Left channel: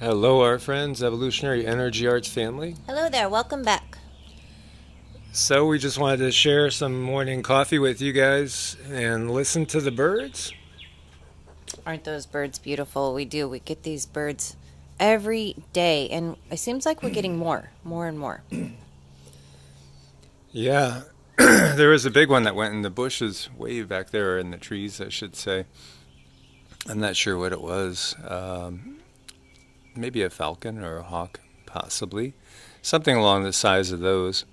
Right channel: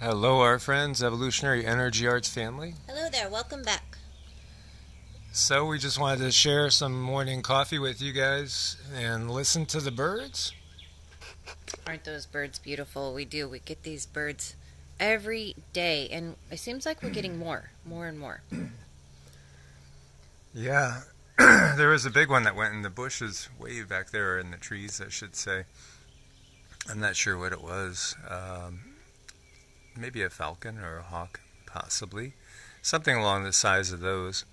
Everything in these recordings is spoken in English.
Hello, our friends, Evolutionary Energy Arts family. Hello there, welcome back. So we just wanted to share some morning coffee with you guys and listen to the birds. Aren't those birds beautiful? We do. We get these birds every day, and it seems like we're getting more and more. Yeah, there was a big one that went in the bushes way back there, in the trees, I should say. I'm not sure what it was. Maybe a falcon or a hawk, possibly. Something along the size of those.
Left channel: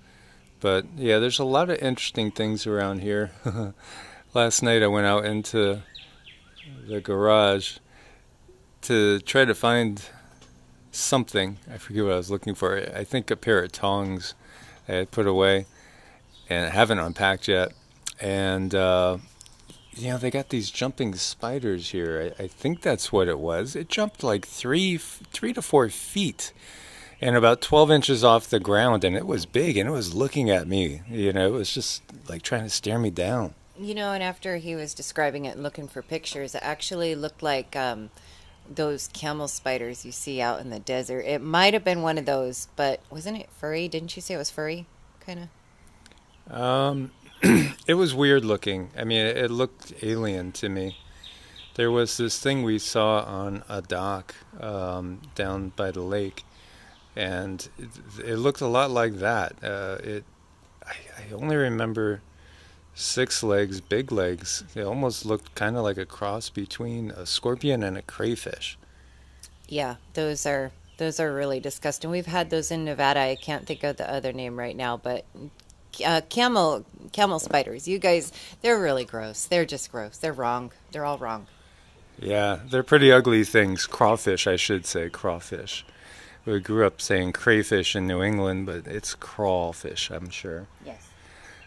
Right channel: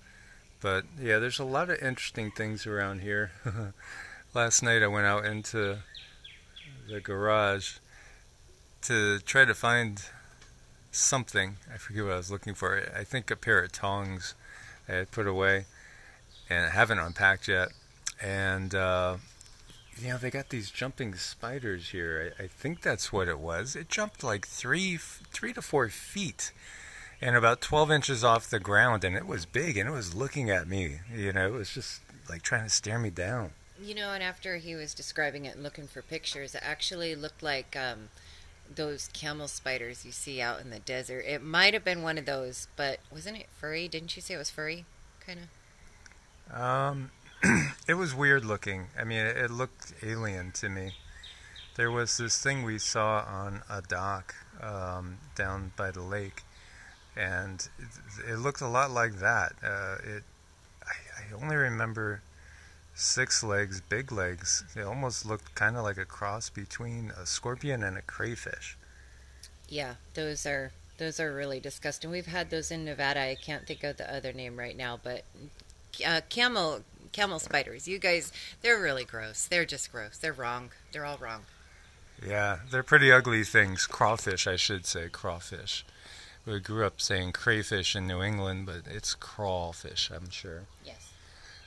But yeah, there's a lot of interesting things around here. Last night I went out into the garage to try to find something. I forget what I was looking for. I think a pair of tongs I had put away and I haven't unpacked yet. And you know, they got these jumping spiders here. I think that's what it was. It jumped like 3 to 4 feet and about 12 inches off the ground, and it was big, and it was looking at me. You know, it was just like trying to stare me down. You know, and after he was describing it and looking for pictures, it actually looked like those camel spiders you see out in the desert. It might have been one of those, but wasn't it furry? Didn't you say it was furry, kind of? It was weird looking. I mean, it looked alien to me. There was this thing we saw on a dock down by the lake, and it looked a lot like that. I only remember 6 legs, big legs. They almost looked kind of like a cross between a scorpion and a crayfish. Yeah, those are really disgusting. We've had those in Nevada. I can't think of the other name right now, but camel spiders. You guys, they're really gross. They're just gross. They're wrong. They're all wrong. Yeah, they're pretty ugly things. Crawfish, I should say, crawfish. We grew up saying crayfish in New England, but it's crawfish, I'm sure. Yes.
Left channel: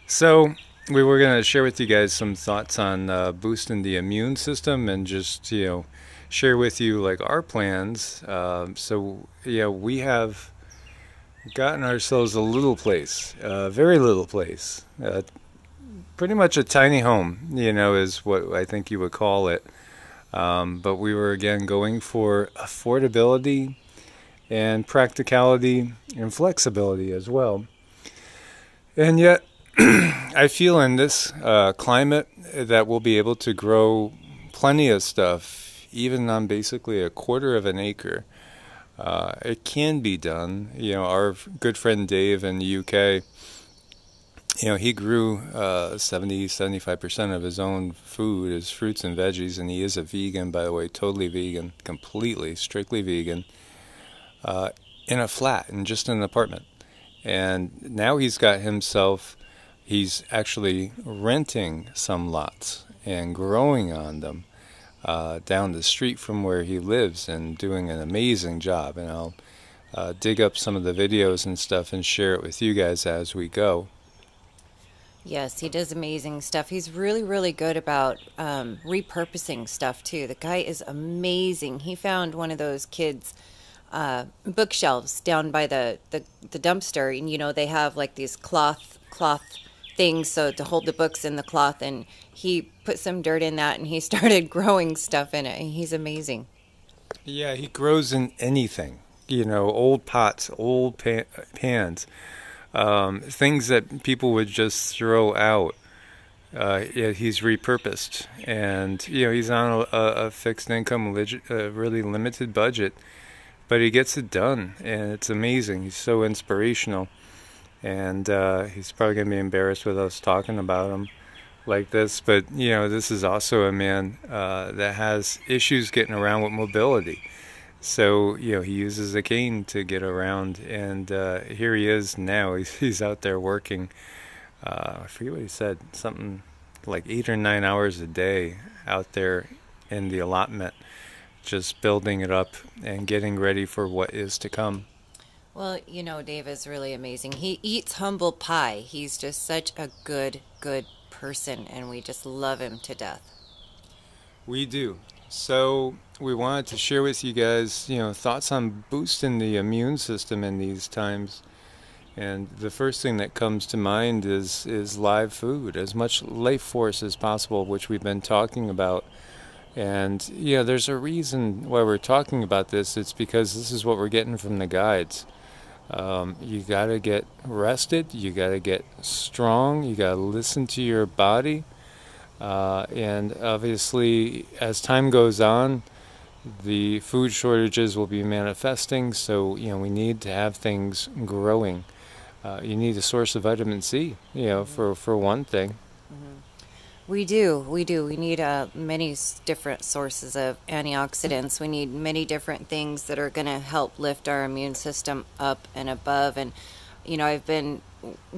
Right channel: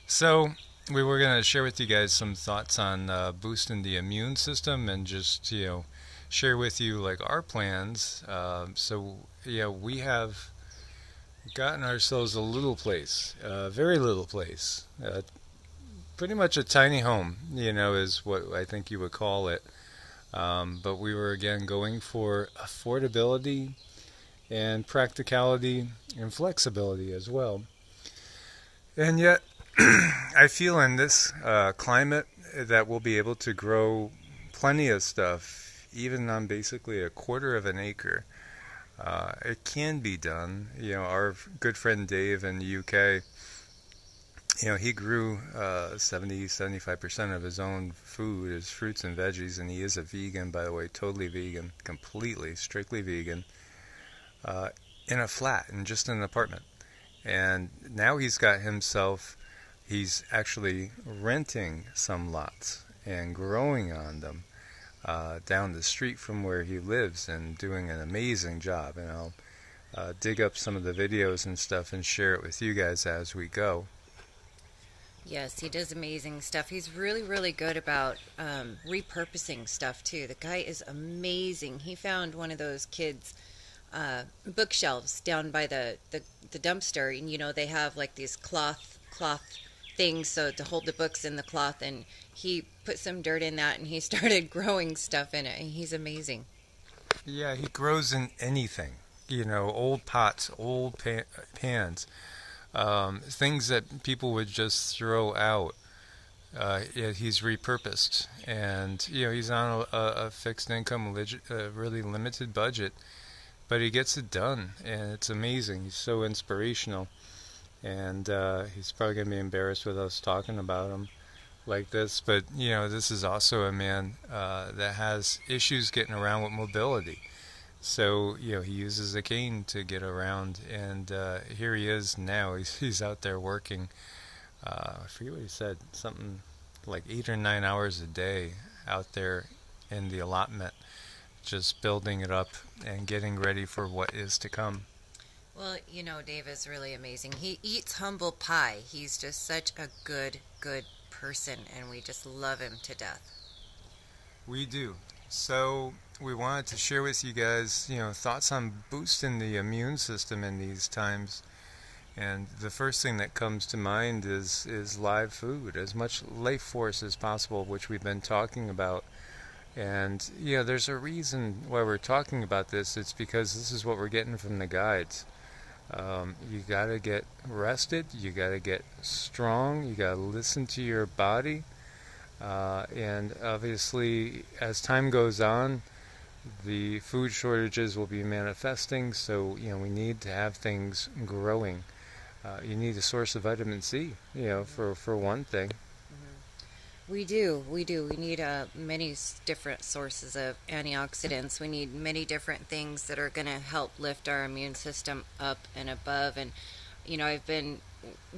So we were going to share with you guys some thoughts on boosting the immune system and just, you know, share with you like our plans. So, yeah, we have gotten ourselves a little place, a very little place, pretty much a tiny home, you know, is what I think you would call it. But we were again going for affordability and practicality and flexibility as well. And yet, I feel in this climate that we'll be able to grow plenty of stuff, even on basically a quarter of an acre. It can be done. You know, our good friend Dave in the UK, you know, he grew 70-75% of his own food, his fruits and veggies, and he is a vegan, by the way, totally vegan, completely, strictly vegan, in a flat, and just in an apartment. And now he's got himself, he's actually renting some lots and growing on them down the street from where he lives and doing an amazing job. And I'll dig up some of the videos and stuff and share it with you guys as we go. Yes, he does amazing stuff. He's really, really good about repurposing stuff, too. The guy is amazing. He found one of those kids' bookshelves down by the dumpster. And, you know, they have, like, these cloth things so to hold the books in the cloth. And he put some dirt in that, and he started growing stuff in it. And he's amazing. Yeah, he grows in anything. You know, old pots, old pans. Things that people would just throw out, yeah, he's repurposed, and you know, he's on a fixed income, really limited budget, but he gets it done, and it's amazing. He's so inspirational, and he's probably gonna be embarrassed with us talking about him like this, but you know, this is also a man that has issues getting around with mobility. So, you know, he uses a cane to get around, and here he is now. He's out there working, I forget what he said, something like 8 or 9 hours a day out there in the allotment, just building it up and getting ready for what is to come. Well, you know, Dave is really amazing. He eats humble pie. He's just such a good person, and we just love him to death. We do. So we wanted to share with you guys, you know, thoughts on boosting the immune system in these times. And the first thing that comes to mind is live food, as much life force as possible, which we've been talking about And there's a reason why we're talking about this. It's because this is what we're getting from the guides. You got to get rested, you got to get strong, you got to listen to your body, and obviously as time goes on, the food shortages will be manifesting, so we need to have things growing. You need a source of vitamin C, for one thing. We do. We need many different sources of antioxidants. We need many different things that are going to help lift our immune system up and above. And, I've been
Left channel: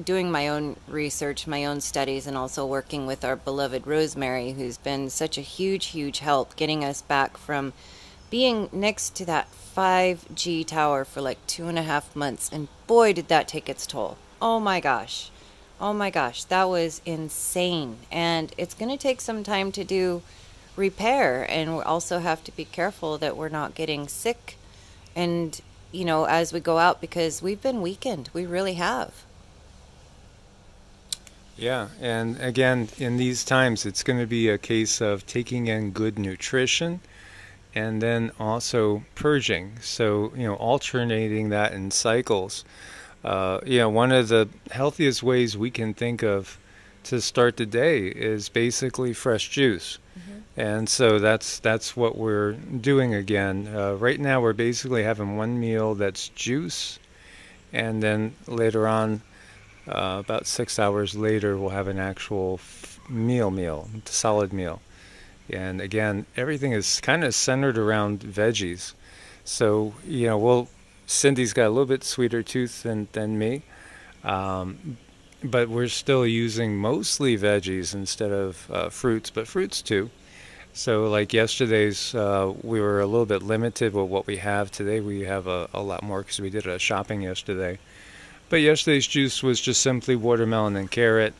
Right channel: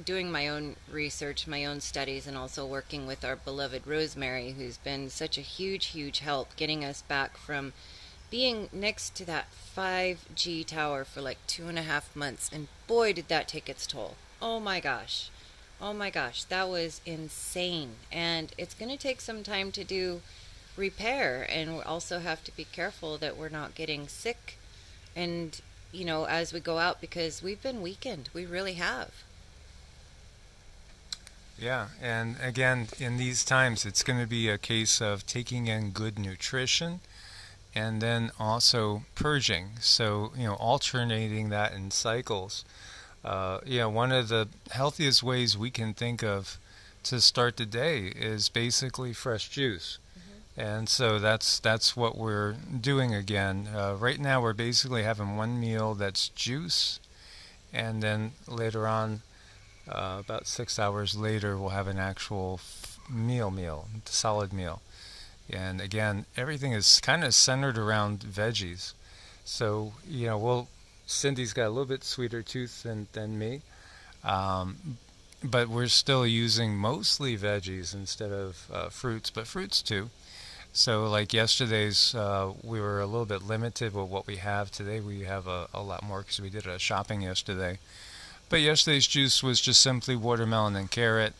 doing my own research, my own studies, and also working with our beloved Rosemary, who's been such a huge, huge help getting us back from being next to that 5G tower for like 2.5 months. And boy, did that take its toll. Oh my gosh. Oh my gosh, that was insane. And it's going to take some time to do repair. And we also have to be careful that we're not getting sick and, as we go out, because we've been weakened. We really have. Yeah, and again, in these times, it's going to be a case of taking in good nutrition and then also purging. So, alternating that in cycles. One of the healthiest ways we can think of to start the day is basically fresh juice. And so that's what we're doing again. Right now we're basically having one meal that's juice, and then later on, about 6 hours later, we'll have an actual solid meal. And again, everything is kind of centered around veggies. So, Cindy's got a little bit sweeter tooth than me, but we're still using mostly veggies instead of fruits, but fruits too. So like yesterday's, we were a little bit limited with what we have. Today we have a lot more because we did a shopping yesterday. But yesterday's juice was just simply watermelon and carrot.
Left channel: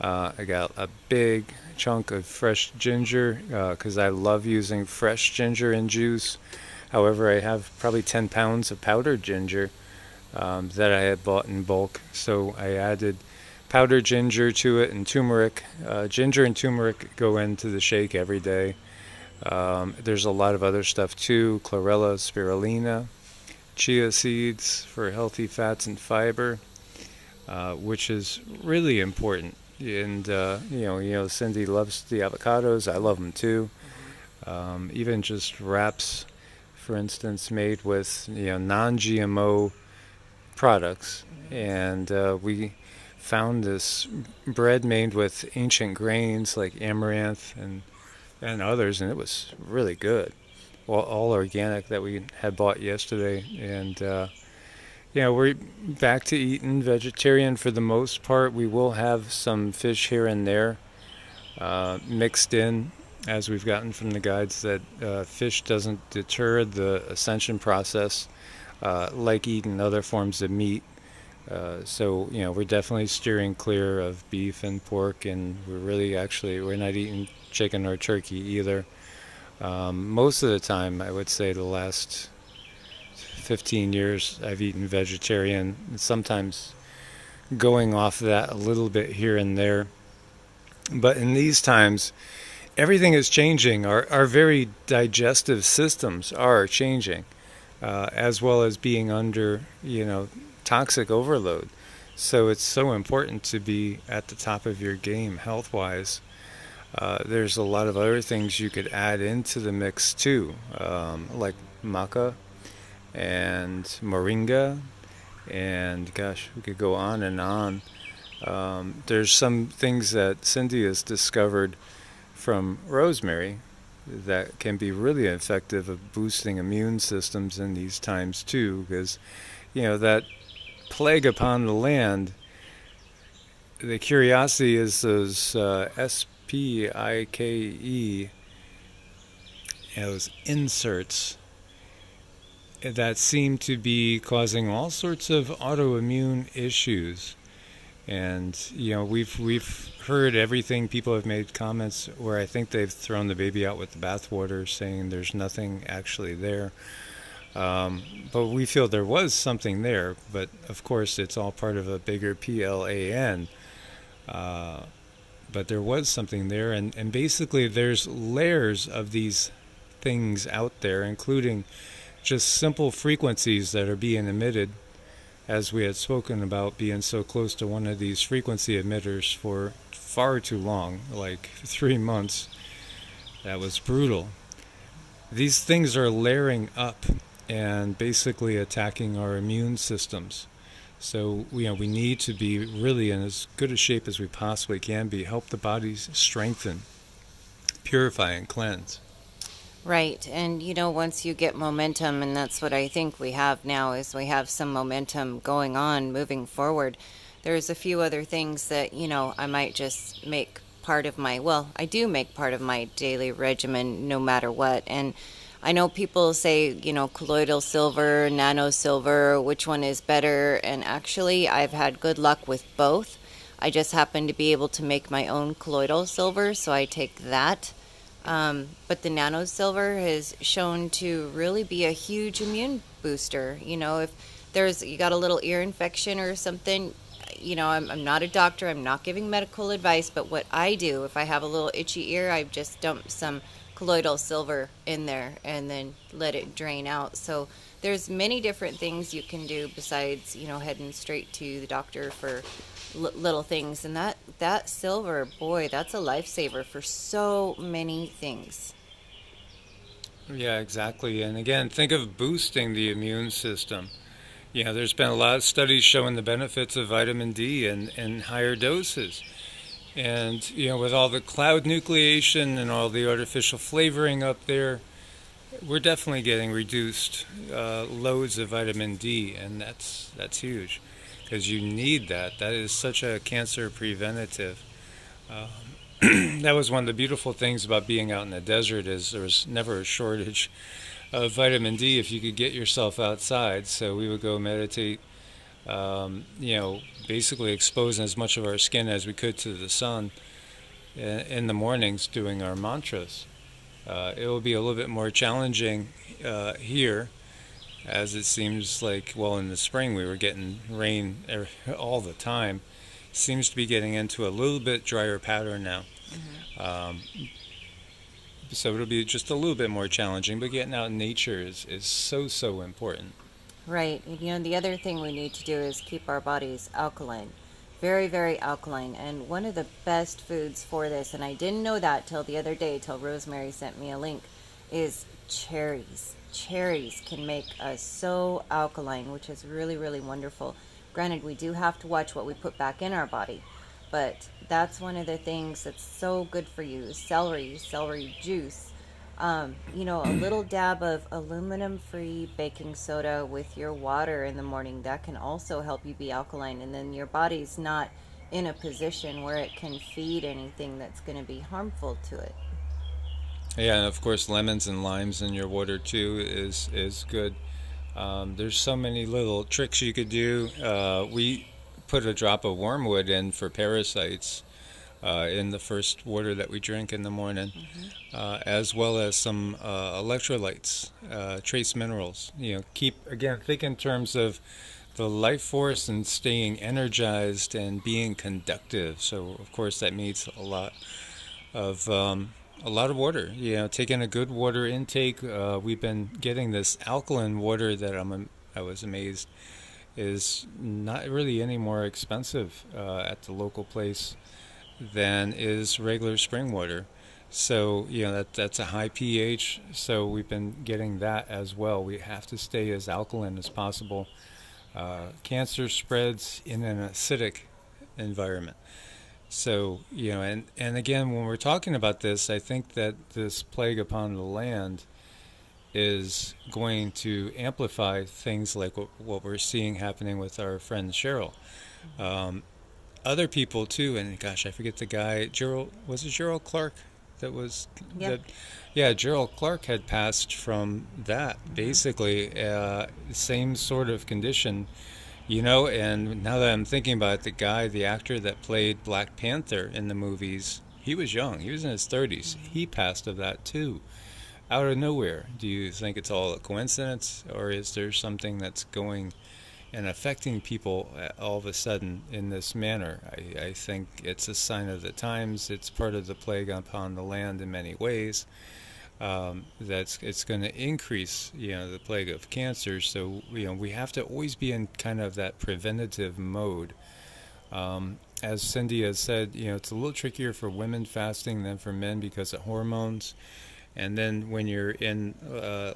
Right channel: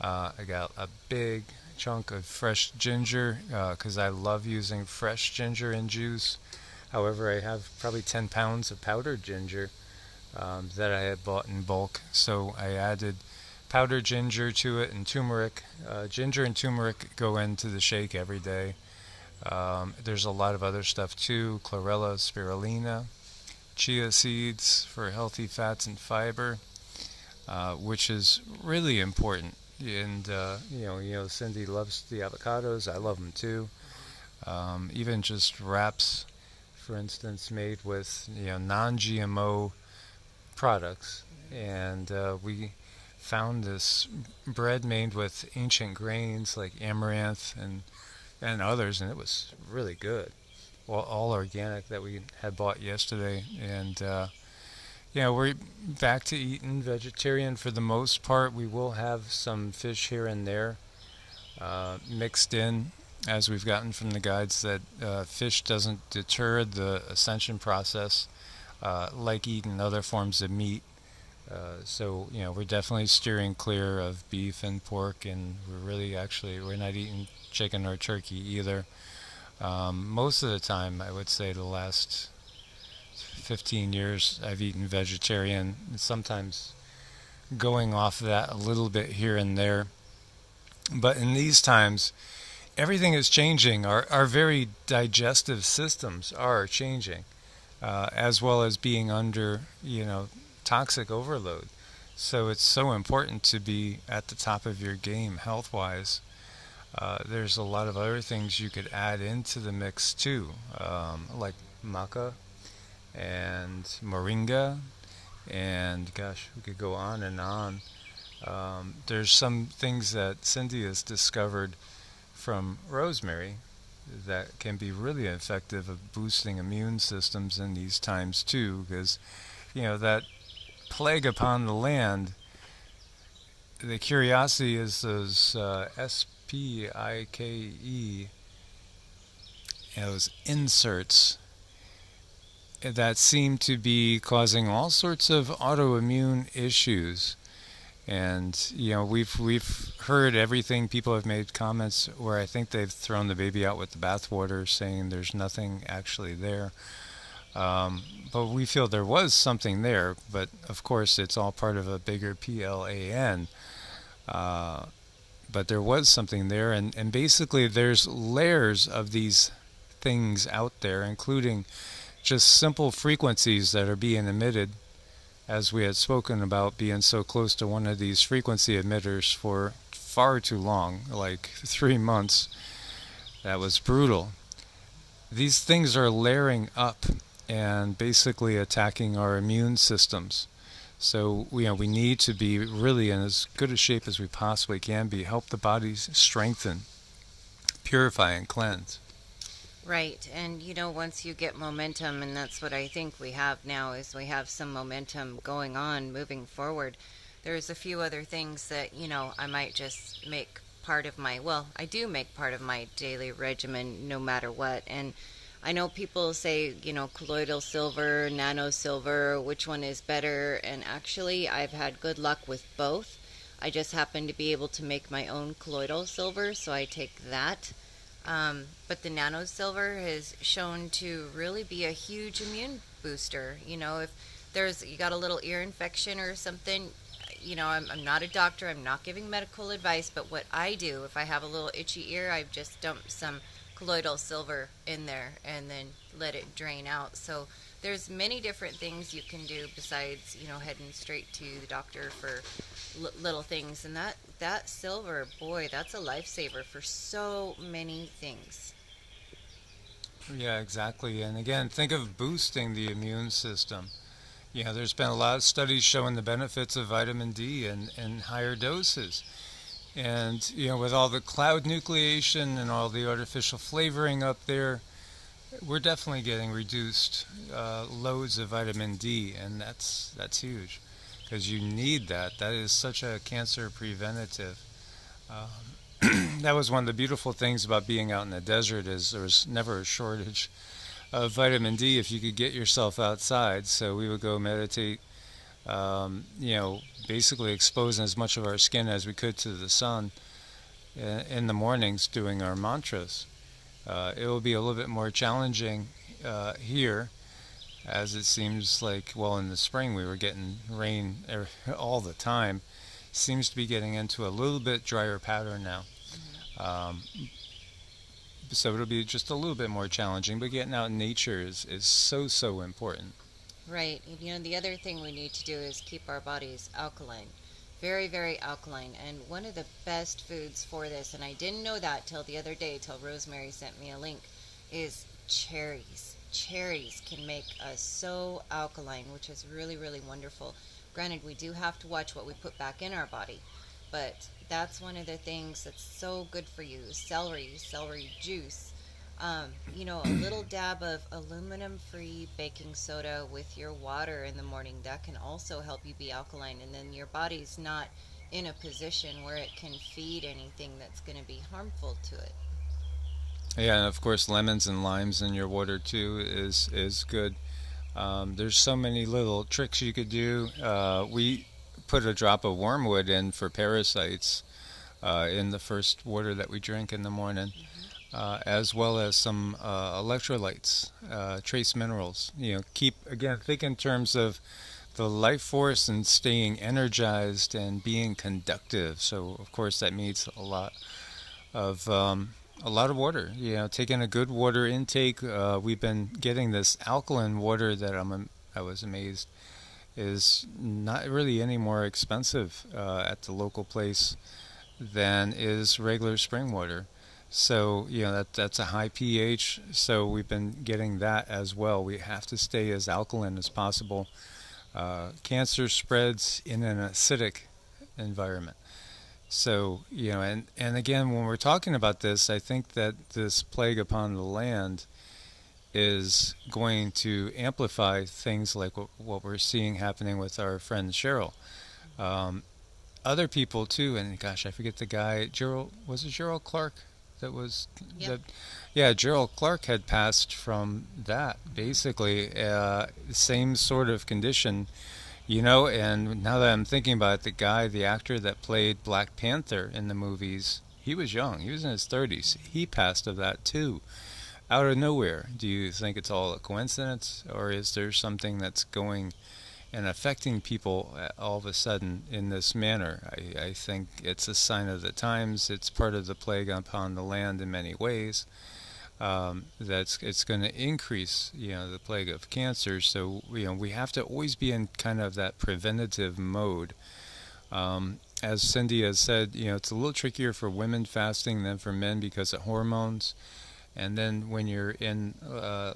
I got a big chunk of fresh ginger because I love using fresh ginger in juice. However, I have probably 10 pounds of powdered ginger that I had bought in bulk. So I added powdered ginger to it and turmeric. Ginger and turmeric go into the shake every day. There's a lot of other stuff too. Chlorella, spirulina, chia seeds for healthy fats and fiber, which is really important. And, Cindy loves the avocados. I love them too. Even just wraps, for instance, made with non-GMO products, and we found this bread made with ancient grains like amaranth and others, and it was really good. All organic that we had bought yesterday, and we're back to eating vegetarian for the most part. We will have some fish here and there mixed in, as we've gotten from the guides, that fish doesn't deter the ascension process like eating other forms of meat. So we're definitely steering clear of beef and pork, and we're not eating chicken or turkey either. Most of the time, I would say the last 15 years I've eaten vegetarian, sometimes going off of that a little bit here and there. But in these times, everything is changing. Our very digestive systems are changing, as well as being under, toxic overload. So it's so important to be at the top of your game health-wise. There's a lot of other things you could add into the mix too, like maca and moringa, and gosh, we could go on and on. There's some things that Cindy has discovered from rosemary that can be really effective at boosting immune systems in these times too, because that plague upon the land, the curiosity is those SPIKE, those inserts that seem to be causing all sorts of autoimmune issues. And we've heard everything. People have made comments where I think they've thrown the baby out with the bathwater, saying there's nothing actually there. But we feel there was something there, but of course it's all part of a bigger PLAN. but there was something there, and basically there's layers of these things out there, including just simple frequencies that are being emitted, as we had spoken about being so close to one of these frequency emitters for far too long, like 3 months. That was brutal. These things are layering up and basically attacking our immune systems. So we need to be really in as good a shape as we possibly can be, help the bodies strengthen, purify, and cleanse. Right. And, once you get momentum, and that's what I think we have now, is we have some momentum going on, moving forward. There's a few other things that, I might just make part of my, I do make part of my daily regimen no matter what. And I know people say, colloidal silver, nano silver, which one is better? And actually, I've had good luck with both. I just happen to be able to make my own colloidal silver, so I take that. But the nano silver has shown to really be a huge immune booster. If you got a little ear infection or something, I'm not a doctor, I'm not giving medical advice, but what I do, if I have a little itchy ear, I just dump some colloidal silver in there and then let it drain out. So there's many different things you can do besides, heading straight to the doctor for little things. And that silver, boy, that's a lifesaver for so many things. Yeah, exactly. And again, think of boosting the immune system. There's been a lot of studies showing the benefits of vitamin D in higher doses. And, with all the cloud nucleation and all the artificial flavoring up there, we're definitely getting reduced loads of vitamin D, and that's huge, because you need that. That is such a cancer preventative. That was one of the beautiful things about being out in the desert, is there was never a shortage of vitamin D if you could get yourself outside. So we would go meditate, basically exposing as much of our skin as we could to the sun in the mornings doing our mantras. It will be a little bit more challenging here, as it seems like, in the spring we were getting rain all the time. Seems to be getting into a little bit drier pattern now. Mm-hmm. So it'll be just a little bit more challenging, but getting out in nature is so important. Right. The other thing we need to do is keep our bodies alkaline. Very, very alkaline. And one of the best foods for this, and I didn't know that till the other day, till Rosemary sent me a link, is cherries. Cherries can make us so alkaline, which is really, really wonderful. Granted, we do have to watch what we put back in our body, but that's one of the things that's so good for you. Celery juice. A little dab of aluminum-free baking soda with your water in the morning, that can also help you be alkaline, and then your body's not in a position where it can feed anything that's going to be harmful to it. Yeah, and of course lemons and limes in your water too is good. There's so many little tricks you could do. We put a drop of wormwood in for parasites in the first water that we drink in the morning. Mm-hmm. As well as some electrolytes, trace minerals. Think in terms of the life force and staying energized and being conductive. So, of course, that means a lot of water. Taking a good water intake. We've been getting this alkaline water that I was amazed is not really any more expensive at the local place than is regular spring water. So, that's a high pH, so we've been getting that as well. We have to stay as alkaline as possible. Cancer spreads in an acidic environment. So, and again, when we're talking about this, I think that this plague upon the land is going to amplify things like what we're seeing happening with our friend Cheryl. Other people, too, and gosh, I forget the guy, Gerald Clark? Gerald Clark had passed from that, basically, same sort of condition, and now that I'm thinking about it, the actor that played Black Panther in the movies, he was young, he was in his 30s, he passed of that too, out of nowhere. Do you think it's all a coincidence, or is there something that's going and affecting people all of a sudden in this manner. I think it's a sign of the times. It's part of the plague upon the land in many ways. It's going to increase, the plague of cancer. So, we have to always be in kind of that preventative mode. As Cindy has said, it's a little trickier for women fasting than for men because of hormones. And then when you're in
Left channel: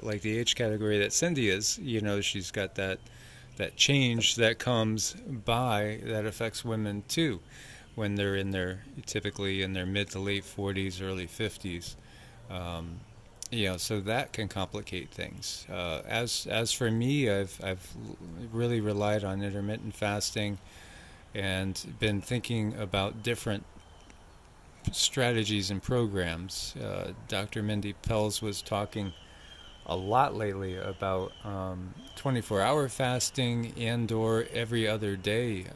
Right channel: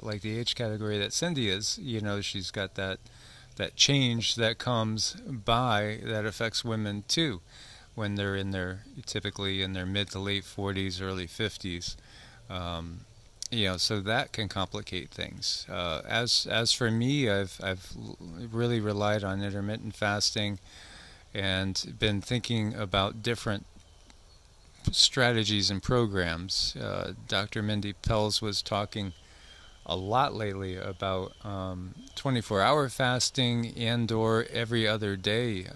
like the age category that Cindy is, she's got that change that comes by that affects women too, when they're typically in their mid to late 40s, early 50s. So that can complicate things. As for me, I've really relied on intermittent fasting and been thinking about different strategies and programs. Dr. Mindy Pelz was talking a lot lately about 24-hour fasting and or every other day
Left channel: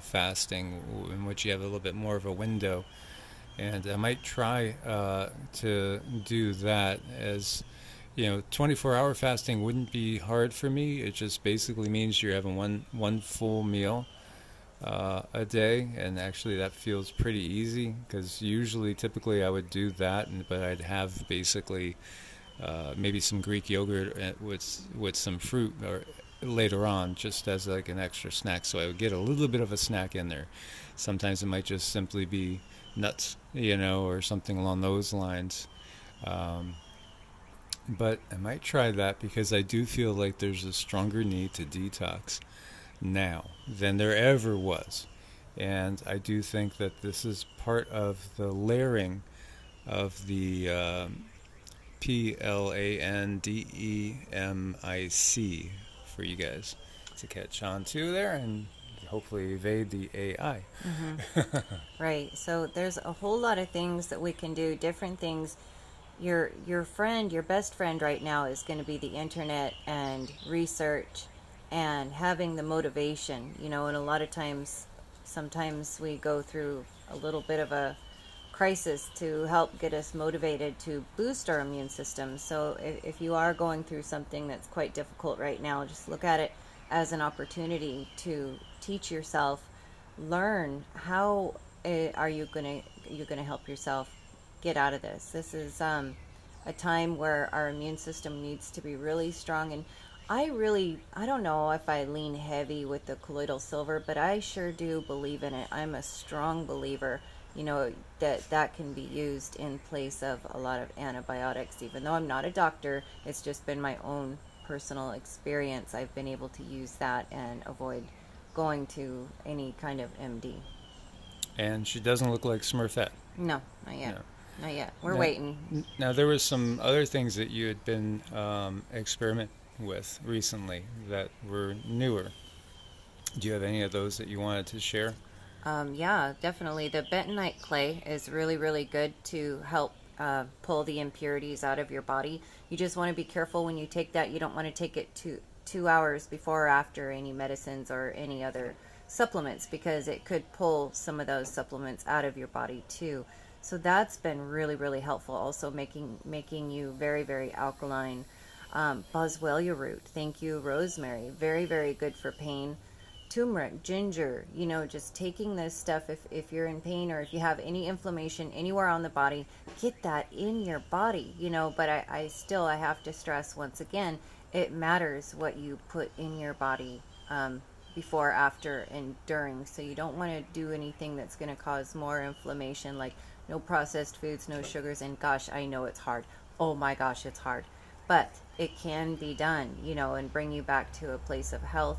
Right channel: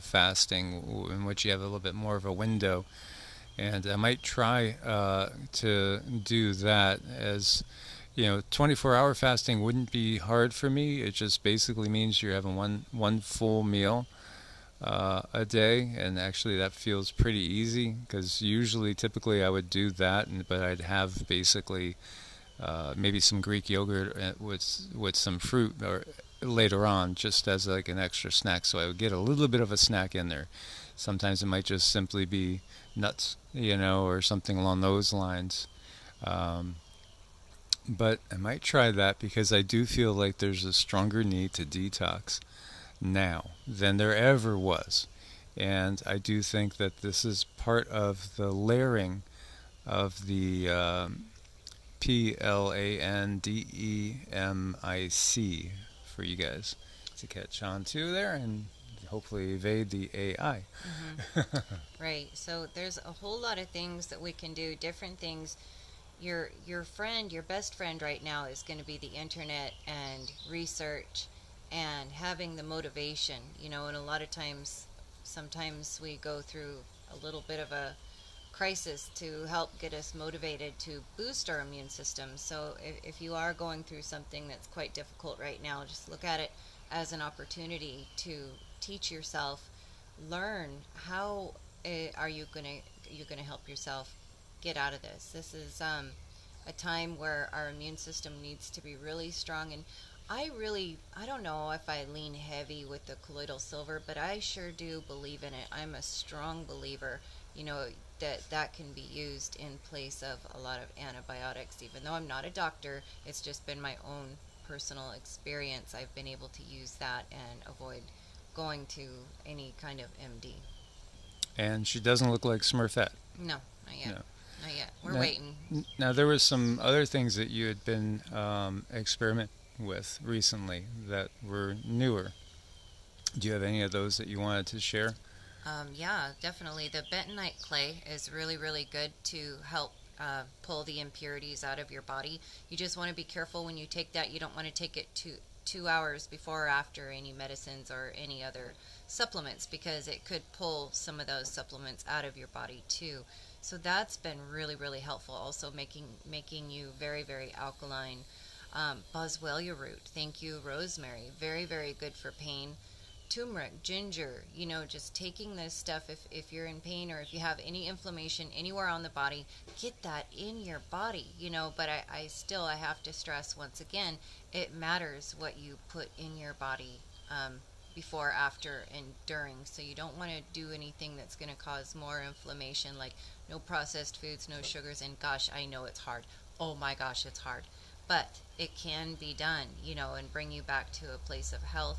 fasting, in which you have a little bit more of a window. And I might try to do that. As 24-hour fasting wouldn't be hard for me. It just basically means you're having one full meal a day, and actually that feels pretty easy, because typically I would do that, but I'd have basically maybe some Greek yogurt with some fruit or later on, just as like an extra snack. So I would get a little bit of a snack in there. Sometimes it might just simply be nuts, or something along those lines. But I might try that, because I do feel like there's a stronger need to detox now than there ever was. And I do think that this is part of the layering of the PLANDEMIC for you guys to catch on to there and hopefully evade the AI. Mm-hmm. Right. So there's a whole lot of things that we can do, different things. Your best friend right now is going to be the internet and research and having the motivation, and a lot of times, sometimes we go through a little bit of a crisis to help get us motivated to boost our immune system. So if you are going through something that's quite difficult right now, just look at it as an opportunity to teach yourself, learn how are you going to help yourself get out of this. This is a time where our immune system needs to be really strong. And I don't know if I lean heavy with the colloidal silver, but I sure do believe in it. I'm a strong believer, that can be used in place of a lot of antibiotics. Even though I'm not a doctor, it's just been my own personal experience. I've been able to use that and avoid going to any kind of MD. And she doesn't look like Smurfette. No, not yet. No. Not yet. We're waiting. Now, there was some other things that you had been experimenting with recently that were newer. Do you have any of those that you wanted to share? Yeah, definitely. The bentonite clay is really, really good to help pull the impurities out of your body. You just want to be careful when you take that. You don't want to take it 2 hours before or after any medicines or any other supplements, because it could pull some of those supplements out of your body too. So that's been really, really helpful. Also making you very, very alkaline. Boswellia root, thank you. Rosemary, very, very good for pain. Turmeric, ginger, just taking this stuff if you're in pain or if you have any inflammation anywhere on the body, get that in your body, but I have to stress once again, it matters what you put in your body before, after, and during. So you don't want to do anything that's going to cause more inflammation, like no processed foods, no sugars. And gosh, I know it's hard. Oh my gosh, it's hard. But it can be done, and bring you back to a place of health,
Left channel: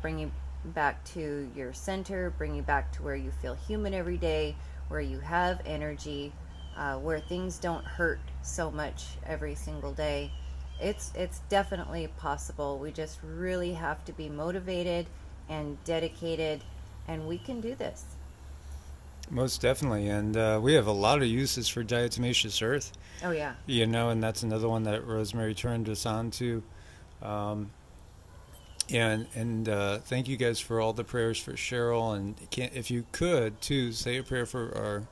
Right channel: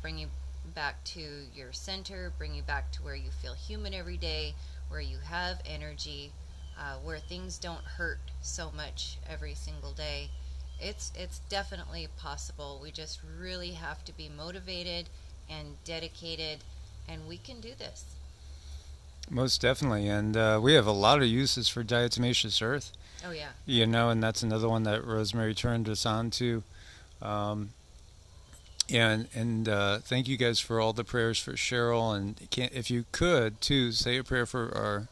bring you back to your center, bring you back to where you feel human every day, where you have energy, where things don't hurt so much every single day. It's definitely possible. We just really have to be motivated and dedicated, and we can do this. Most definitely. And we have a lot of uses for diatomaceous earth. Oh, yeah. And that's another one that Rosemary turned us on to. And thank you guys for all the prayers for Cheryl. And if you could, too, say a prayer for our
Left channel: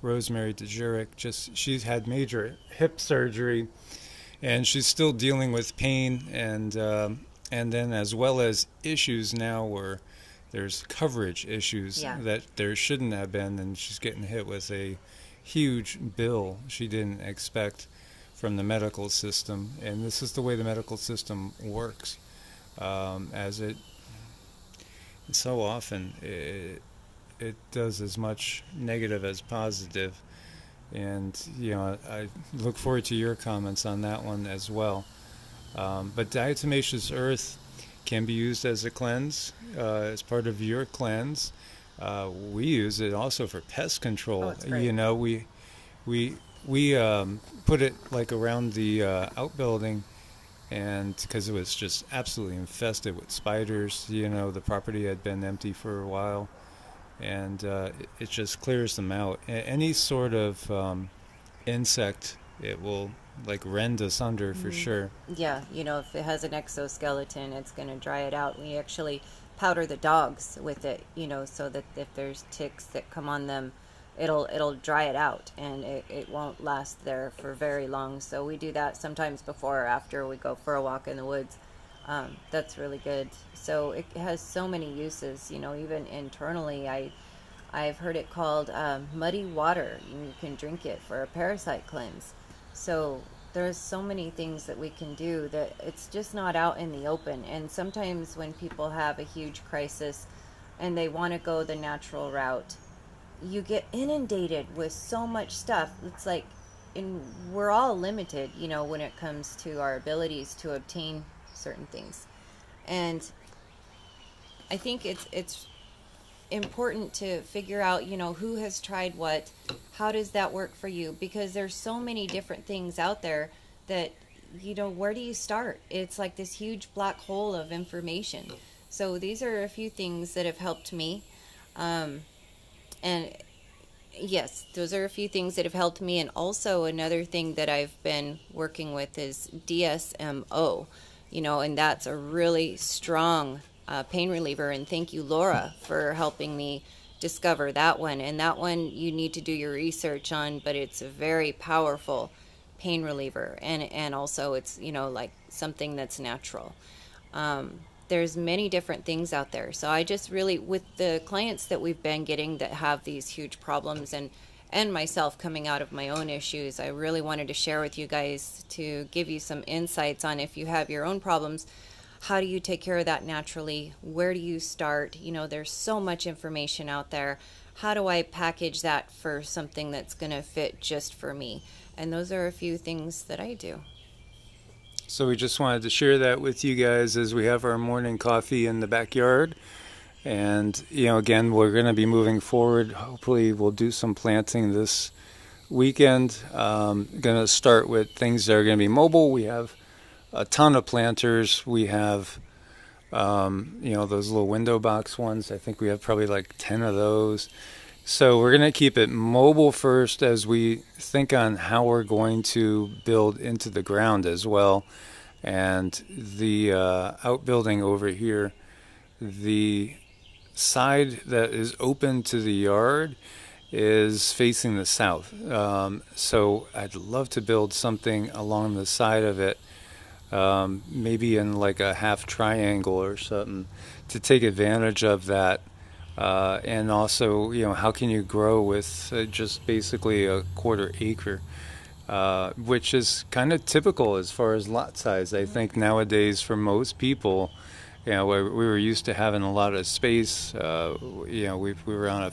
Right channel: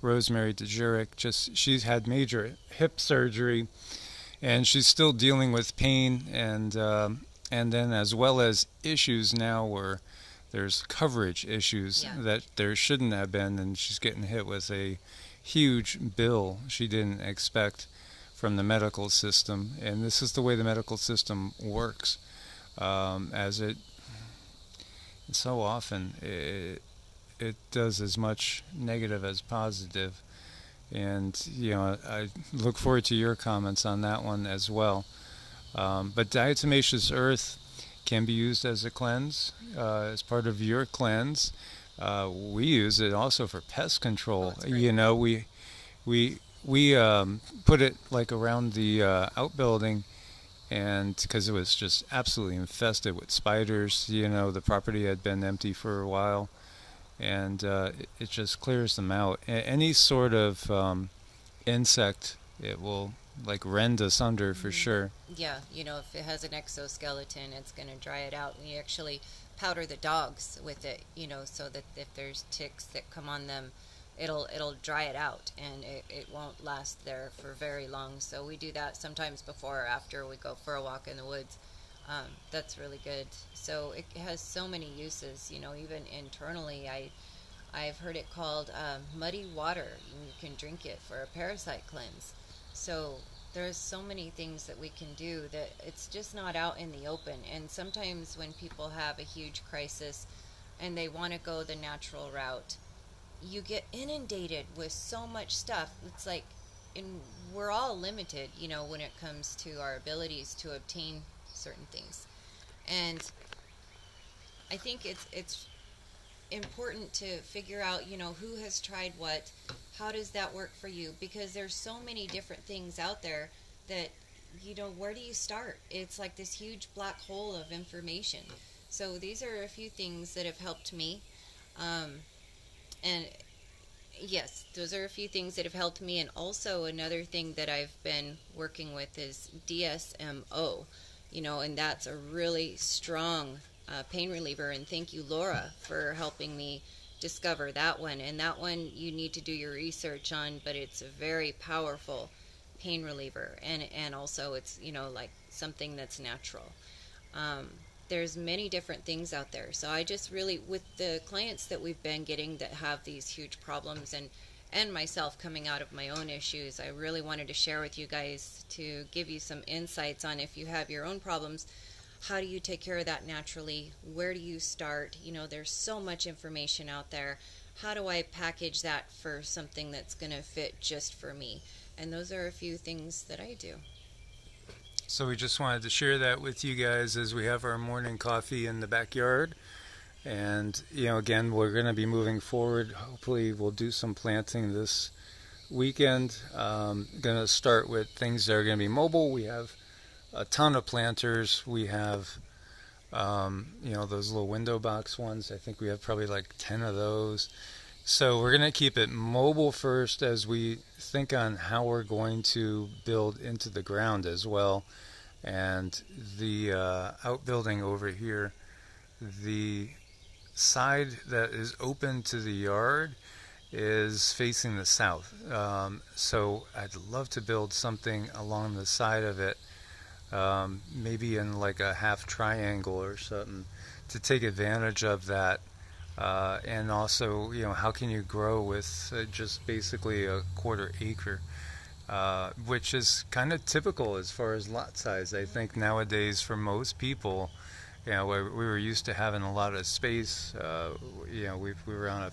Rosemary DeJurek. She's had major hip surgery, and she's still dealing with pain. And and then as well as issues now where there's coverage issues that there shouldn't have been, and she's getting hit with a huge bill she didn't expect from the medical system. And this is the way the medical system works, as it so often it does as much negative as positive. And I look forward to your comments on that one as well. But diatomaceous earth can be used as a cleanse, as part of your cleanse. We use it also for pest control. We put it like around the outbuilding, and because it was just absolutely infested with spiders. The property had been empty for a while, and it just clears them out. Any sort of insect, it will like rend asunder for sure. Yeah, if it has an exoskeleton, it's going to dry it out. We actually powder the dogs with it, so that if there's ticks that come on them, it'll dry it out, and it won't last there for very long. So we do that sometimes before or after we go for a walk in the woods. That's really good. So it has so many uses, even internally. I've heard it called muddy water. You can drink it for a parasite cleanse. So there's so many things that we can do that it's just not out in the open. And sometimes when people have a huge crisis and they want to go the natural route, you get inundated with so much stuff. It's like, and we're all limited, when it comes to our abilities to obtain certain things. And I think it's important to figure out, who has tried what, how does that work for you? Because there's so many different things out there that, where do you start? It's like this huge black hole of information. So these are a few things that have helped me. And yes, those are a few things that have helped me. And also another thing that I've been working with is DSMO, and that's a really strong pain reliever. And thank you, Laura, for helping me discover that one. And that one you need to do your research on, but it's a very powerful pain reliever. And also it's, like something that's natural. There's many different things out there. So I just really, with the clients that we've been getting that have these huge problems, and myself coming out of my own issues, I really wanted to share with you guys to give you some insights on if you have your own problems, how do you take care of that naturally? Where do you start? There's so much information out there. How do I package that for something that's going to fit just for me? And those are a few things that I do. So we just wanted to share that with you guys as we have our morning coffee in the backyard. And, again, we're going to be moving forward. Hopefully we'll do some planting this weekend. Going to start with things that are going to be mobile. We have a ton of planters. We have, those little window box ones. I think we have probably like 10 of those. So we're going to keep it mobile first as we think on how we're going to build into the ground as well. And the outbuilding over here, the side that is open to the yard is facing the south. So I'd love to build something along the side of it, maybe in like a half triangle or something, to take advantage of that. And also, how can you grow with just basically a quarter acre, which is kind of typical as far as lot size. I think nowadays for most people, we were used to having a lot of space. We were on a